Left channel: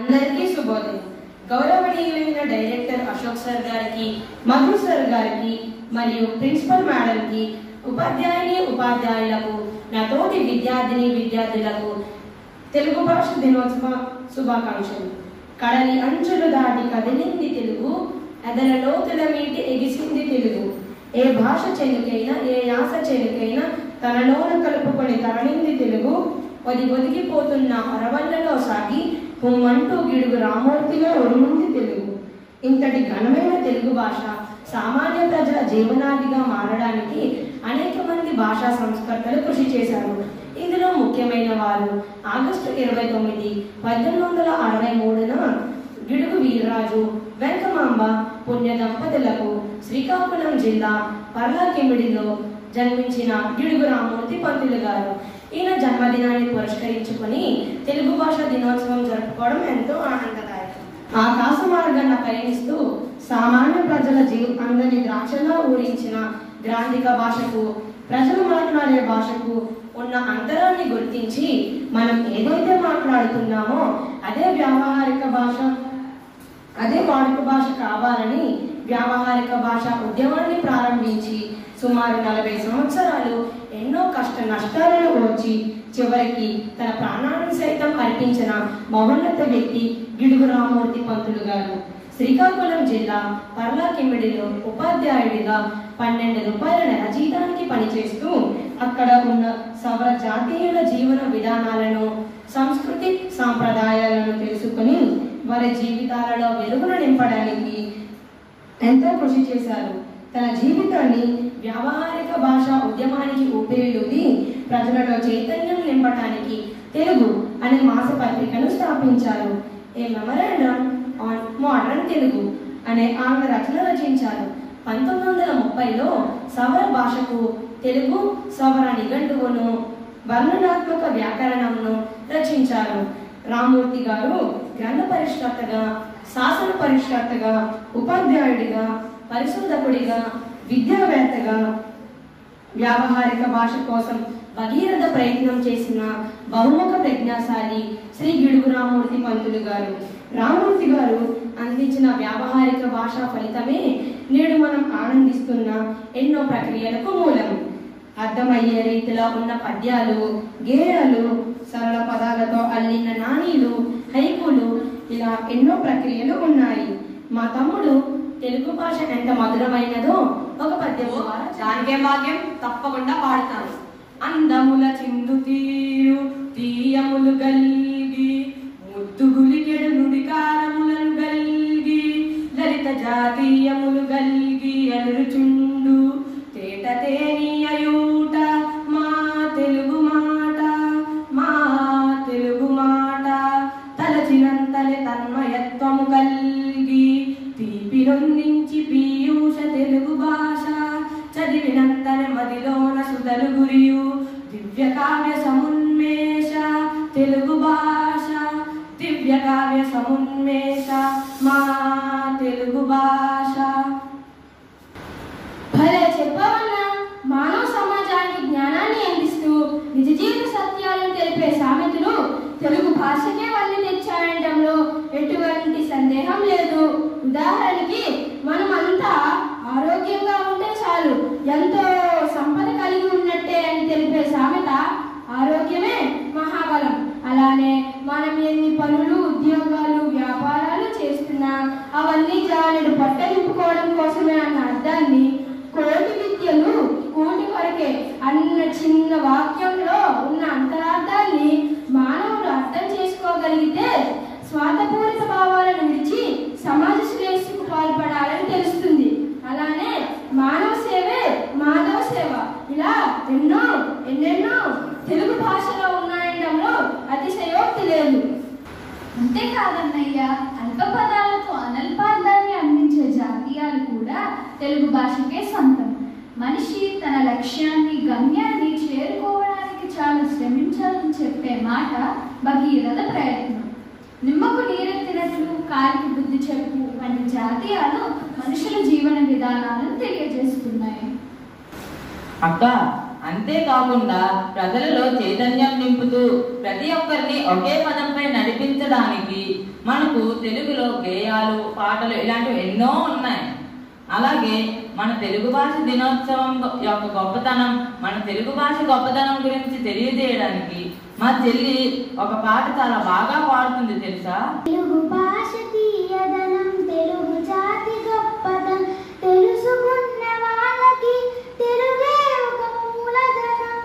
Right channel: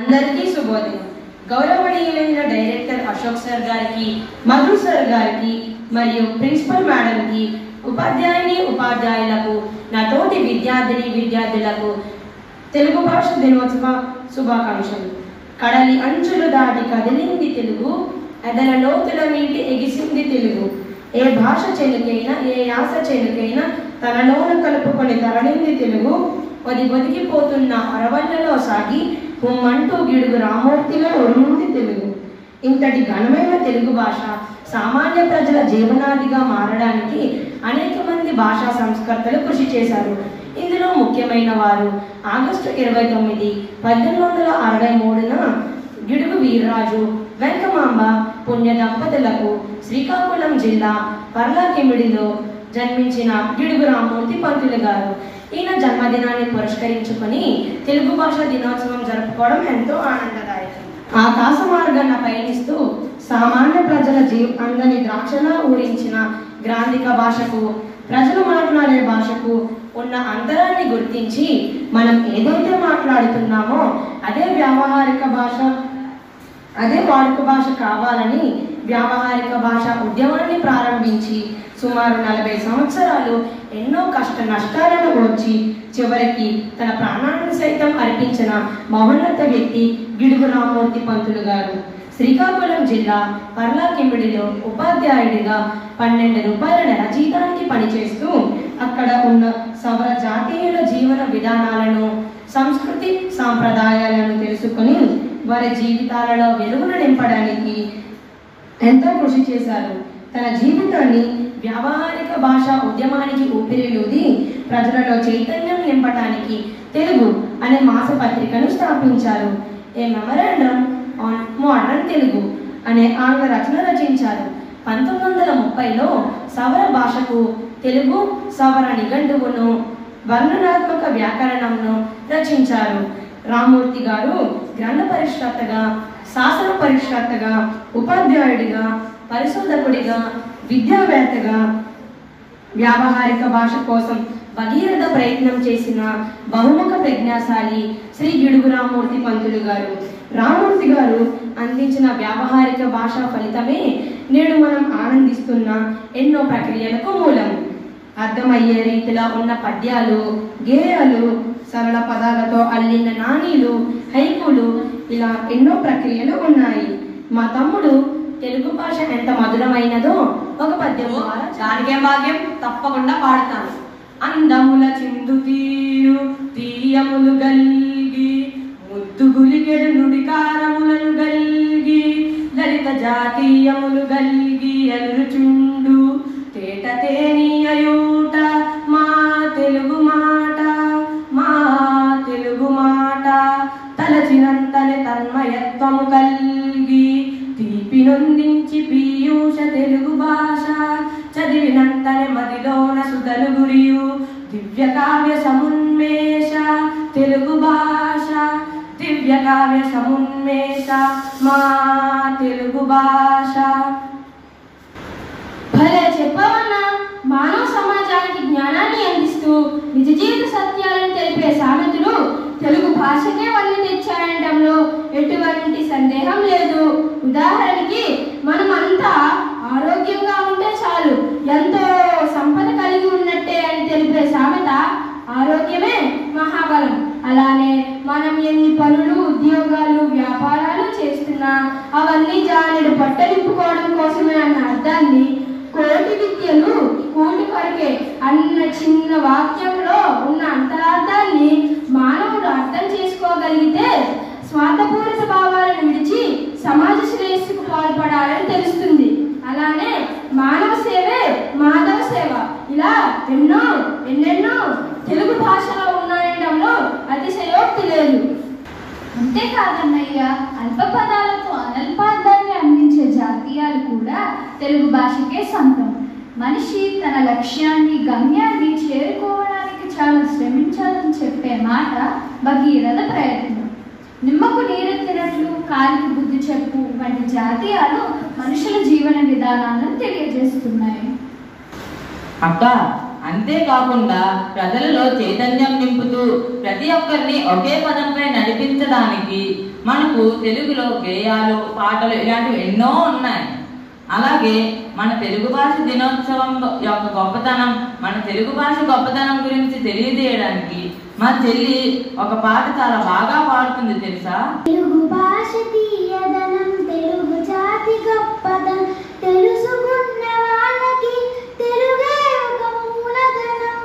అందరికీ శుభోదయం. గౌరవనీయులైన డైరెక్టర్ అశోక్ సార్ గారికి, మధు సార్ గారికి మరియు ప్రిన్సిపల్ మేడంకి, ఉపాధ్యాయులకు, నా తోటి విద్యార్థులకు తెలుగు భాష దినోత్సవ శుభాకాంక్షలు. కడలి అంచులు దాటి కదిలింది తెలుగు, ఎదల లోతుల మీటి ఎగిసింది తెలుగు. ఏ భాష చెలుకైనా, ఏ యాస చెలుకైనా తనలోన కలుపుకొని తరలింది తెలుగు. ఒదిగిపోతున్న అరవళ్ళలో సాగి హుమ్మంటూ గిడుగు రామూర్తిలో ఉరుముంది తెలుగు. ఇంతటి ఘనమైన తెలుగు భాష సామాన్య ప్రజల జీవనాదిగా మారడానికి అనేక మంది భాషా సంస్కర్తలు కృషి చేశారు. ఇందులో ముఖ్యమైన వారు ఆగస్టు 29, 1863న గిడుగు వీర్రాజు, వెంకమాంబ పుణ్య దంపతులకు శ్రీకాకుళం జిల్లా పర్లాకిమిడిలో జన్మించిన గిడుగు రామూర్తి పంతులు గారు. ఈయన జన్మదినాన్ని పురస్కరించుకొని తెలుగు భాష దినోత్సవం జరుపుకోవడం ఎంతో ఆనందదాయకం. ఆకాశ మార్గాన పయనిస్తూ సామాన్య ప్రజల జీవితాన్ని ద్రాక్షలా ఊరించిన గ్రాంధిక భాషకు, ప్రజలు మాట్లాడే భాషకు ఉన్న అంతరాన్ని గుర్తించి మనం ఏదైతే మాట్లాడుతున్నామో అదే వాడుక భాష కావాలని వ్యావహారిక భాష ఉద్యమాన్ని ప్రారంభించి సుమారు 40 సంవత్సరాలు ఎన్నో కష్ట నష్టాలను ఓర్చి చివరికి తన ప్రాణాలను సైతం అర్పించిన మహోన్నత వ్యక్తి గిడుగు రామూర్తి పంతులు గారు. శ్రీకాకుళం జిల్లా పర్లాకిమిడిలో ఉపాధ్యాయుడిగా 12 రూపాయల నెల జీతానికి పనిచేస్తూ అక్కడ ఉన్న సౌర జాతీయుల జీవన విధానాలను, సంస్కృతి సాంప్రదాయాలను తెలుసుకుని వారి జీవితాలలో వెలుగును నింపడానికి ఎంతో కృషి చేశారు. తన జీవితాన్ని వ్యావహారిక భాషా ఉద్యమానికి ఊపిరిలూది ప్రజలలో చైతన్యం నింపడానికి తెలుగు అనే మాసపత్రికను స్థాపించారు. ఏ మెమరాండమ్ ఆన్ మోడర్న్ తెలుగు అనే ఆంగ్ల రచన రచించారు. 1930లో సవర భాషకు తెలుగు సవర నిఘంటువును, వర్ణనాత్మక వ్యాకరణంను రచించారు. రామూర్తి గారు గ్రంథ పరిష్కర్తగా, శాసన పరిష్కర్తగా, ఉపాధ్యాయుడిగా, పరిశోధకుడిగా, విద్యావేత్తగా, వ్యావహారిక భాష కోసం భగీరథ ప్రయత్నం చేసిన బహుముఖ ప్రజ్ఞాశాలి శ్రీ గిడుగు రామూర్తి పంతులు గారు. రామూర్తి గారు అందించిన వ్యావహారిక భాషా ఫలితమే నేడు మనం ఆనందిస్తున్న ఎన్నో ప్రక్రియలకు మూలం. అర్థమయ్యే రీతిలో ఉన్న పద్యాలు, గేయాలు, సరళ పదాలతో అల్లిన నాణీలు, హైకులు, ఇలా ఎన్నో ప్రక్రియలు ఉన్నాయి. మా తమ్ముడు తెలుగు భాష ఎంత మధురమైనదో ఒక పద్యం ద్వారా దానికేం భాగ్యం తప్పకుండా పాడుతాను. అందముల చిందు తీరు తీయములు గల్గి, ముద్దుగులికెడు నుడికారములను గల్గి, లలిత జాతీయములు గల్గి ఎదురుచుండు తేట తేనీయూట మా తెలుగు మాట, మా తెలుగు మాట. తలచినంతలే తన్మయత్వము కల్గి, తీపి నొందించి పీయూష తెలుగు భాష. చదివినంతనే మదిలోన సుధలు గురియు దివ్య కావ్య సమున్మేష తెలుగు భాష, దివ్య కావ్య సమున్మేష మా తెలుగు భాష. భలే చెప్పవన్నా. మానవ సమాజానికి జ్ఞానాన్ని అందిస్తూ నిజ జీవిత సత్యాలను తెలిపే సామెతలు తెలుగు భాషకే వల్లి తెచ్చాయనడంలో ఎటువంటి సందేహం లేదు. ఉదాహరణకి మనమంతా ఆరోగ్యంగా ఉంటే చాలు, ఎంతో సంపద కలిగి ఉన్నట్టే అని తెలిపే సామెత ఆరోగ్యమే మహాబలం. అలానే మనం ఎన్ని పనులు, ఉద్యోగాలు, వ్యాపారాలు చేస్తున్నా అవన్నీ జానెడు పొట్ట నింపుకోవడం కోసమే అన్న అర్థాన్ని, కోటి విద్యలు కూటి కొరకే అన్న చిన్న వాక్యంలో ఉన్న అంతరార్థాన్ని మానవుడు అర్థం చేసుకోగలిగితే స్వార్థపూరిత భావాలను విడిచి సమాజ శ్రేయస్సుకు పాల్పడాలని తెలుస్తుంది. అలానే మానవ సేవే మాధవ సేవ, ఇలా ఎన్నెన్నో తెలుగు భాషలో ఉన్నాయడంలో అతిశయోక్తి లేదు. అంతేకాదన్నయ్య, అల్ప పదాలతో అనల్పార్థాన్ని అందించే జాతీయాలు కూడా తెలుగు భాషకే సొంతం. మనిషి తన లక్ష్యాన్ని, గమ్యాన్ని చేరుకోవడానికి చాలా శ్రమించాలని చెప్పే మాట భగీరథ ప్రయత్నం. నిమ్మకు నీరెత్తినట్లు కాలికి బుద్ధి చెప్పు వంటి జాతీయాలు మనుషుల జీవన విధానాలను తెలియజేస్తున్నాయి. అక్క, అంతేకాకుండా ప్రజలలో చైతన్యం నింపుతూ ప్రతి ఒక్కరిని ఒకే పదంపై నడిపించడానికి మన మనకు తెలుగులో గేయాలు, పాటలు ఇలాంటివి ఎన్నో ఉన్నాయి. అలాగే మన తెలుగు భాష దినోత్సవం యొక్క గొప్పతనం, మన తెలుగు భాష గొప్పతనం గురించి తెలియజేయడానికి మా చెల్లి ఒక పాట చాలా బాగా పాడుతుంది తెలుసా? తెలుగు భాష తీయదనం, తెలుగు జాతి గొప్పదనం, తెలుసుకున్న వాళ్ళకి తెలుగే ఒక మూలధనం.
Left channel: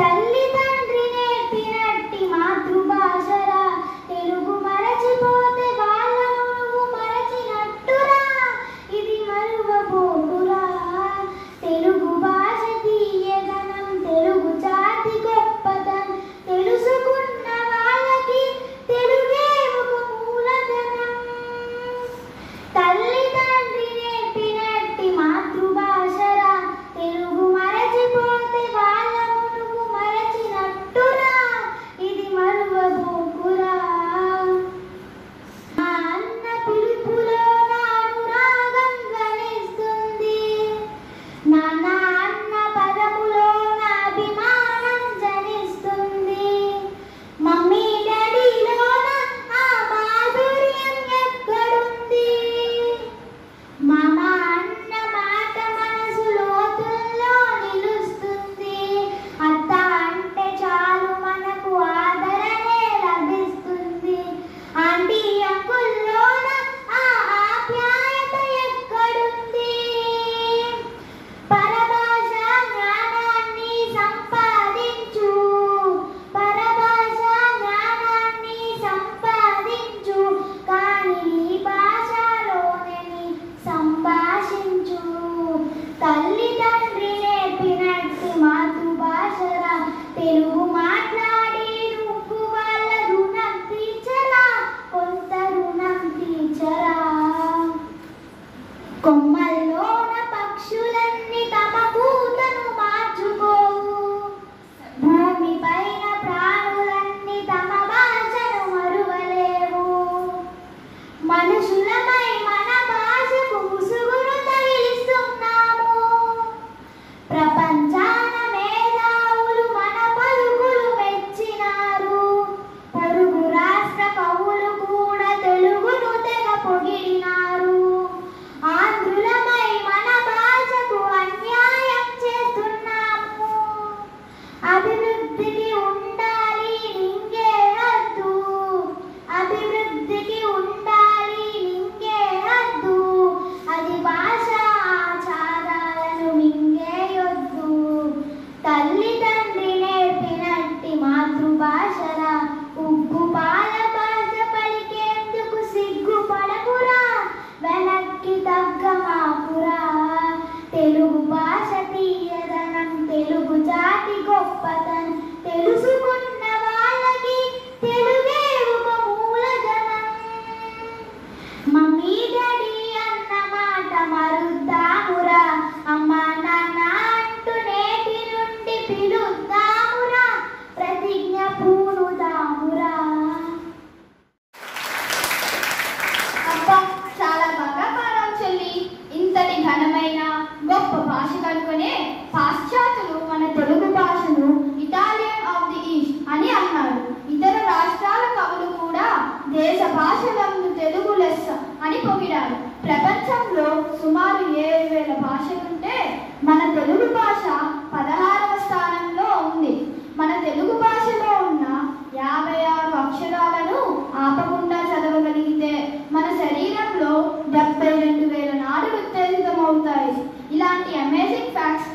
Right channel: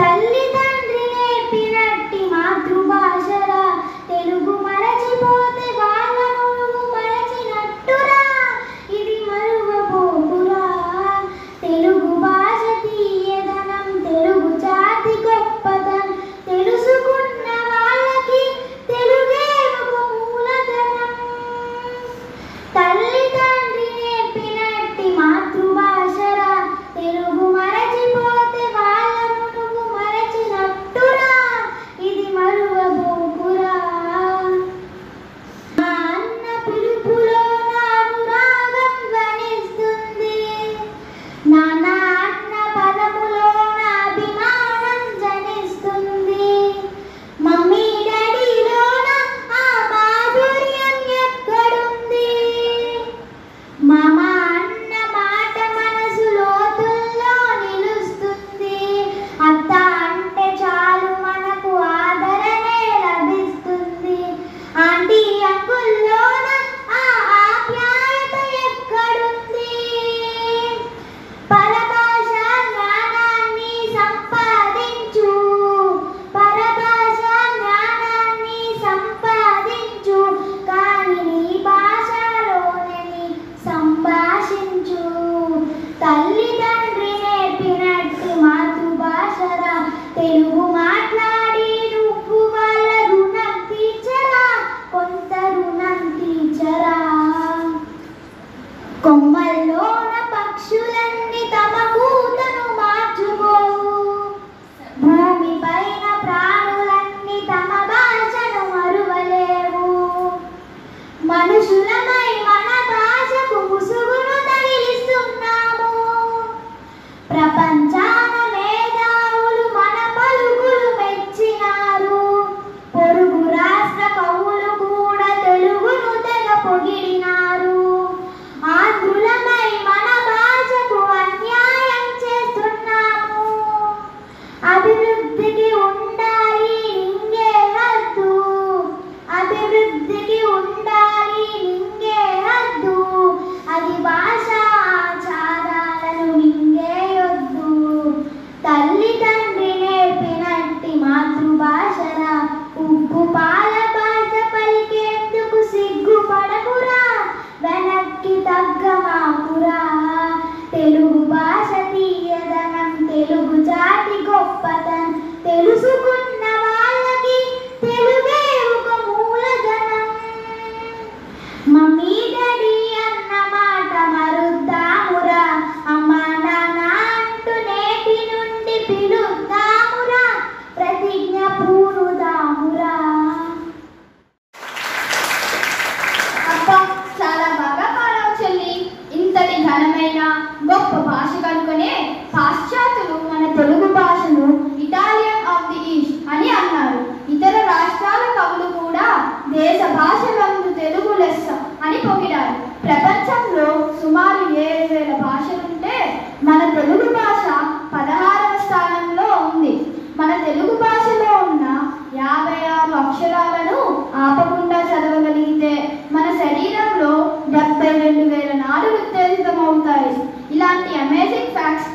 తల్లి తండ్రి నేర్పినట్టి మాతృభాషరా, తెలుగు మరచిపోతే వాళ్ళ నువ్వు మరచినట్టురా, ఇది మరువబోకురా. తెలుగు భాష తీయదనం, తెలుగు జాతి గొప్పదనం, తెలుసుకున్న వాళ్ళకి తెలుగే ఒక మూలధనం. తల్లి తండ్రి నేర్పినట్టి మాతృభాషరా, తెలుగు మరచిపోతే వాళ్ళ నువ్వు మరచినట్టురా, ఇది మరువబోకురా. మా అన్న పిలుపులో నాను రాగం ధ్వనిస్తుంది, నాన్న అన్న పదములో నా అభిమానం జనిస్తుంది. మమ్మీ డాడీలోన ఆ మాధుర్యం ఎక్కడుంది, మామ అన్న మాట మనసు లోతుల్లో నిలుస్తుంది. అత్త అంటే చాలు మనకు ఆదరణే లభిస్తుంది. ఆంటీ అంకుల్లోన ఆ ఆప్యాయత ఎక్కడుంది. పరభాష జ్ఞానాన్ని సంపాదించు, పరభాష జ్ఞానాన్ని సంపాదించు, కానీ నీ భాషలోనే సంభాషించు. తల్లి తండ్రి నేర్పినట్టు మాతృభాషరా, తెలుగు మాట్లాడి నువ్వు వాళ్ళ రుణం తీర్చరా, కొంత రుణం తీర్చరా. కొమ్మల్లోన పక్షులన్నీ తమ కూతను మార్చుకోవు, భూమి పైన ప్రాణులన్నీ తమ భాషను మరువలేవు. మనుషులమై మన భాషకు ముసుగును తగిలిస్తున్నాము, ప్రపంచాన మేధావులు మన పలుకులు మెచ్చినారు. పొరుగు రాష్ట్ర కవులు కూడా తెలుగును తెగ పొగిడినారు. ఆంధ్రులమై మన భాషకు అన్యాయం చేస్తున్నాము. అభివృద్ధికి ఉండాలి నింగే హద్దు, అభివృద్ధికి ఉండాలి నింగే హద్దు, అది భాష ఆచారాలను మింగేయొద్దు. తల్లి తండ్రి నేర్పినట్టి మాతృభాషరా, ఉగ్గు పాల భాష పలికేందుకు సిగ్గుపడకురా, వెనక్కి తగ్గమాకురా. తెలుగు భాష తీయదనం, తెలుగు జాతి గొప్పదనం, తెలుసుకున్న వాళ్ళకి తెలుగే ఒక మూలధనం. మమ్మీ డాడీ అన్న మాట మరుద్దామురా, అమ్మ నాన్న అంటూ నేటి నుండి పిలుద్దామురా, ప్రతిజ్ఞ పూనుదామురా. అబ్బా, చాలా బాగా పాడావు చెల్లి. ఇంతటి ఘనమైన గొప్ప భాష కనుకనే పాశ్చాత్యులు మన తెలుగు భాషను ఇటాలియన్ ఆఫ్ ది ఈస్ట్ అని అన్నారు. ఇతర రాష్ట్రాల కవులు కూడా దేశ భాషలందు తెలుగు లెస్స అని పొగిడారు. ప్రపంచంలో సుమారు 7,000 భాషలుంటే మన తెలుగు భాష 16వ స్థానంలో ఉంది. మన తెలుగు భాషలో ఉన్న 56 అక్షరాలను ఆపకుండా చదవగలిగితే మన శరీరంలో 72,000 నాడులు ఉత్తేజితమవుతాయి. ఇలాంటి అమేజింగ్ ఫ్యాక్ట్స్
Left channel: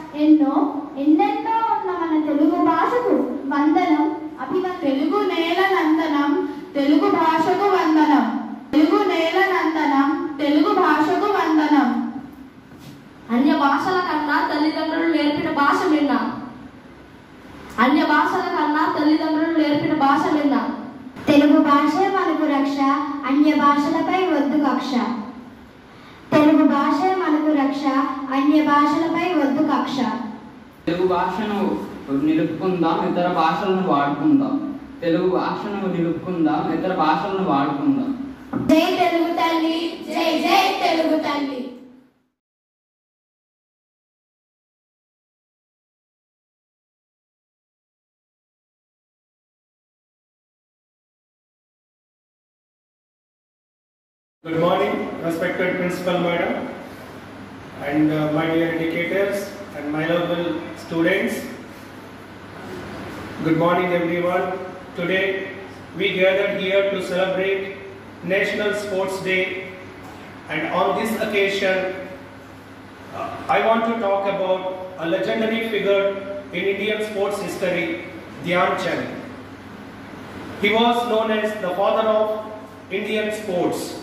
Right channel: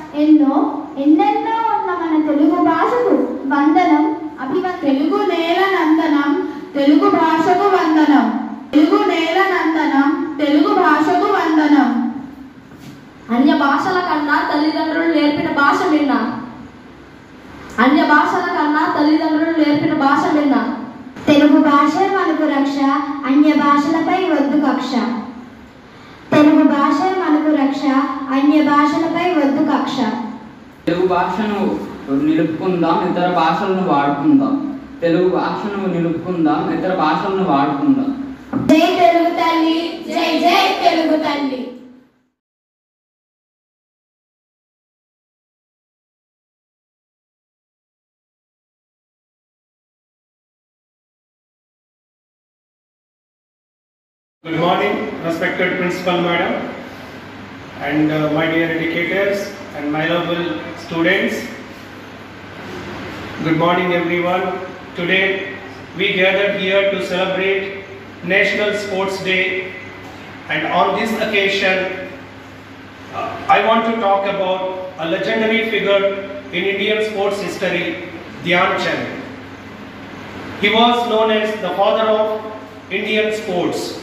ఎన్నెన్నో ఉన్న మన తెలుగు భాషకు వందనం, అభివందనం. తెలుగు నేల నందనం, తెలుగు భాషకు వందనం. తెలుగు నేల నందనం, తెలుగు భాషకు వందనం. అన్య భాషల కన్నా తల్లిదండ్రులు నేర్పిన భాష విన్నా, అన్య భాషల కన్నా తల్లిదండ్రులు నేర్పిన భాష విన్నా. తెలుగు భాషే మనకు రక్ష, అన్య భాషలపై వద్దు కక్ష. తెలుగు భాషే మనకు రక్ష, అన్య భాషలపై వద్దు కక్ష. తెలుగు భాషను నిలుపుకుందాం, ఇతర భాషలను వాడుకుందాం. తెలుగు భాషను నిలుపుకుందాం, ఇతర భాషలను వాడుకుందాం. జై తెలుగు తల్లి, జై జై తెలుగు తల్లి. Good morning, respected Principal Madam, and my dear educators and my noble students. Good morning, everyone. Today we gathered here to celebrate National Sports Day, and on this occasion, I want to talk about a legendary figure in Indian sports history, Dhyan Chand. He was known as the father of Indian sports.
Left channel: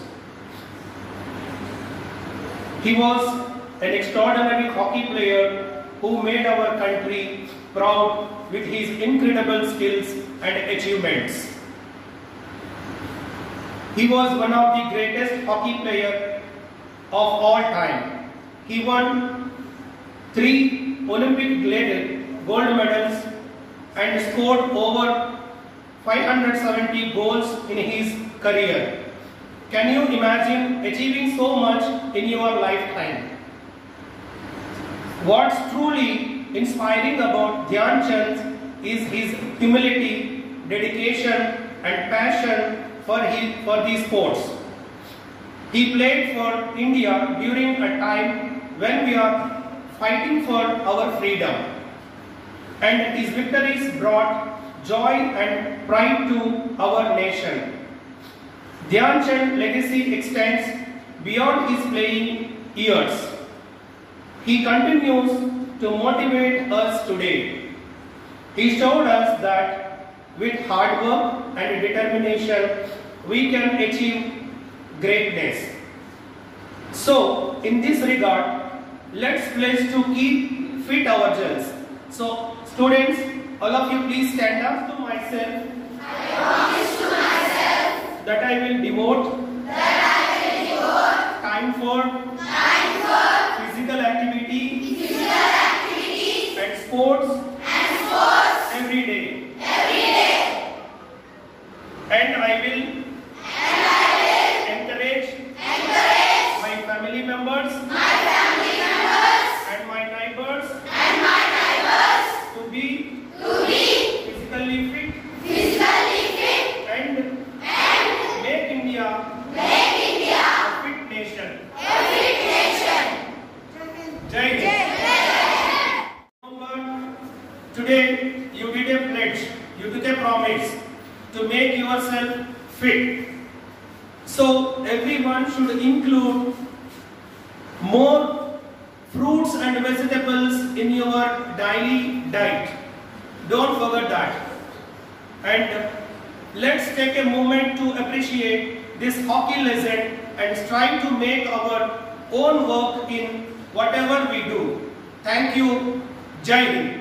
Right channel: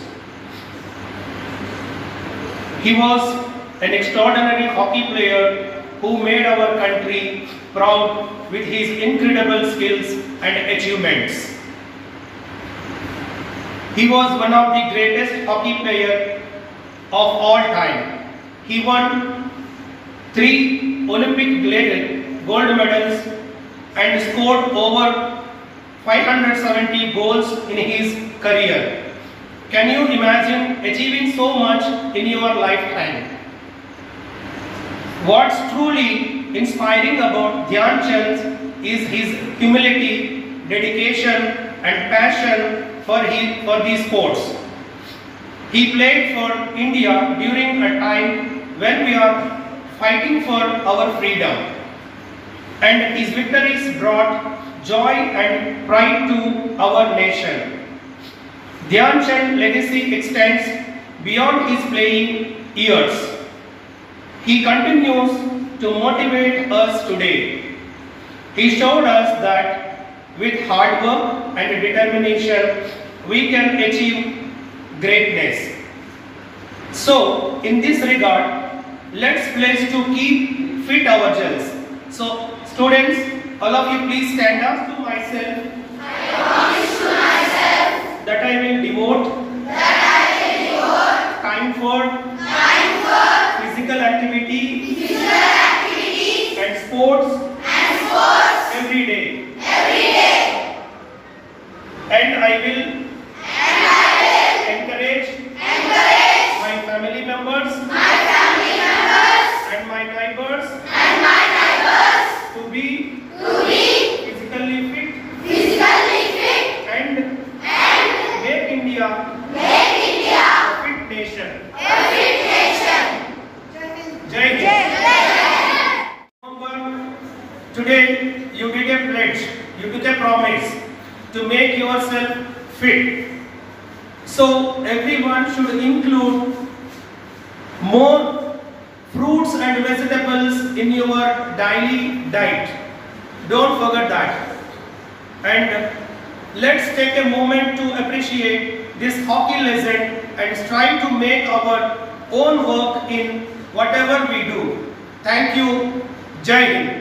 He was an extraordinary hockey player who made our country proud with his incredible skills and achievements. He was one of the greatest hockey players of all time. He won 3 Olympic gold medals and scored over 570 goals in his career. Can you imagine achieving so much in your lifetime? What's truly inspiring about Dhyan Chand is his humility, dedication and passion for these sports. He played for India during a time when we are fighting for our freedom, and his victories brought joy and pride to our nation. Dhyan Chand's legacy extends beyond his playing years. He continues to motivate us today. He showed us that with hard work and determination, we can achieve greatness. So, in this regard, let's pledge to keep fit ourselves. So, students, all of you please stand up. To myself, I promise to myself that I will devote time for physical activity and sports every day. And I will encourage my family members and my neighbors to be physically fit and make India a fit nation. Jai Hind. Remember, today you did a pledge, you took a promise to make yourself fit. So everyone should include more fruits and vegetables in your daily diet. Don't forget that. And let's take a moment to appreciate this hockey legend and strive to make our own work in whatever we do. Thank you. Jai Hind.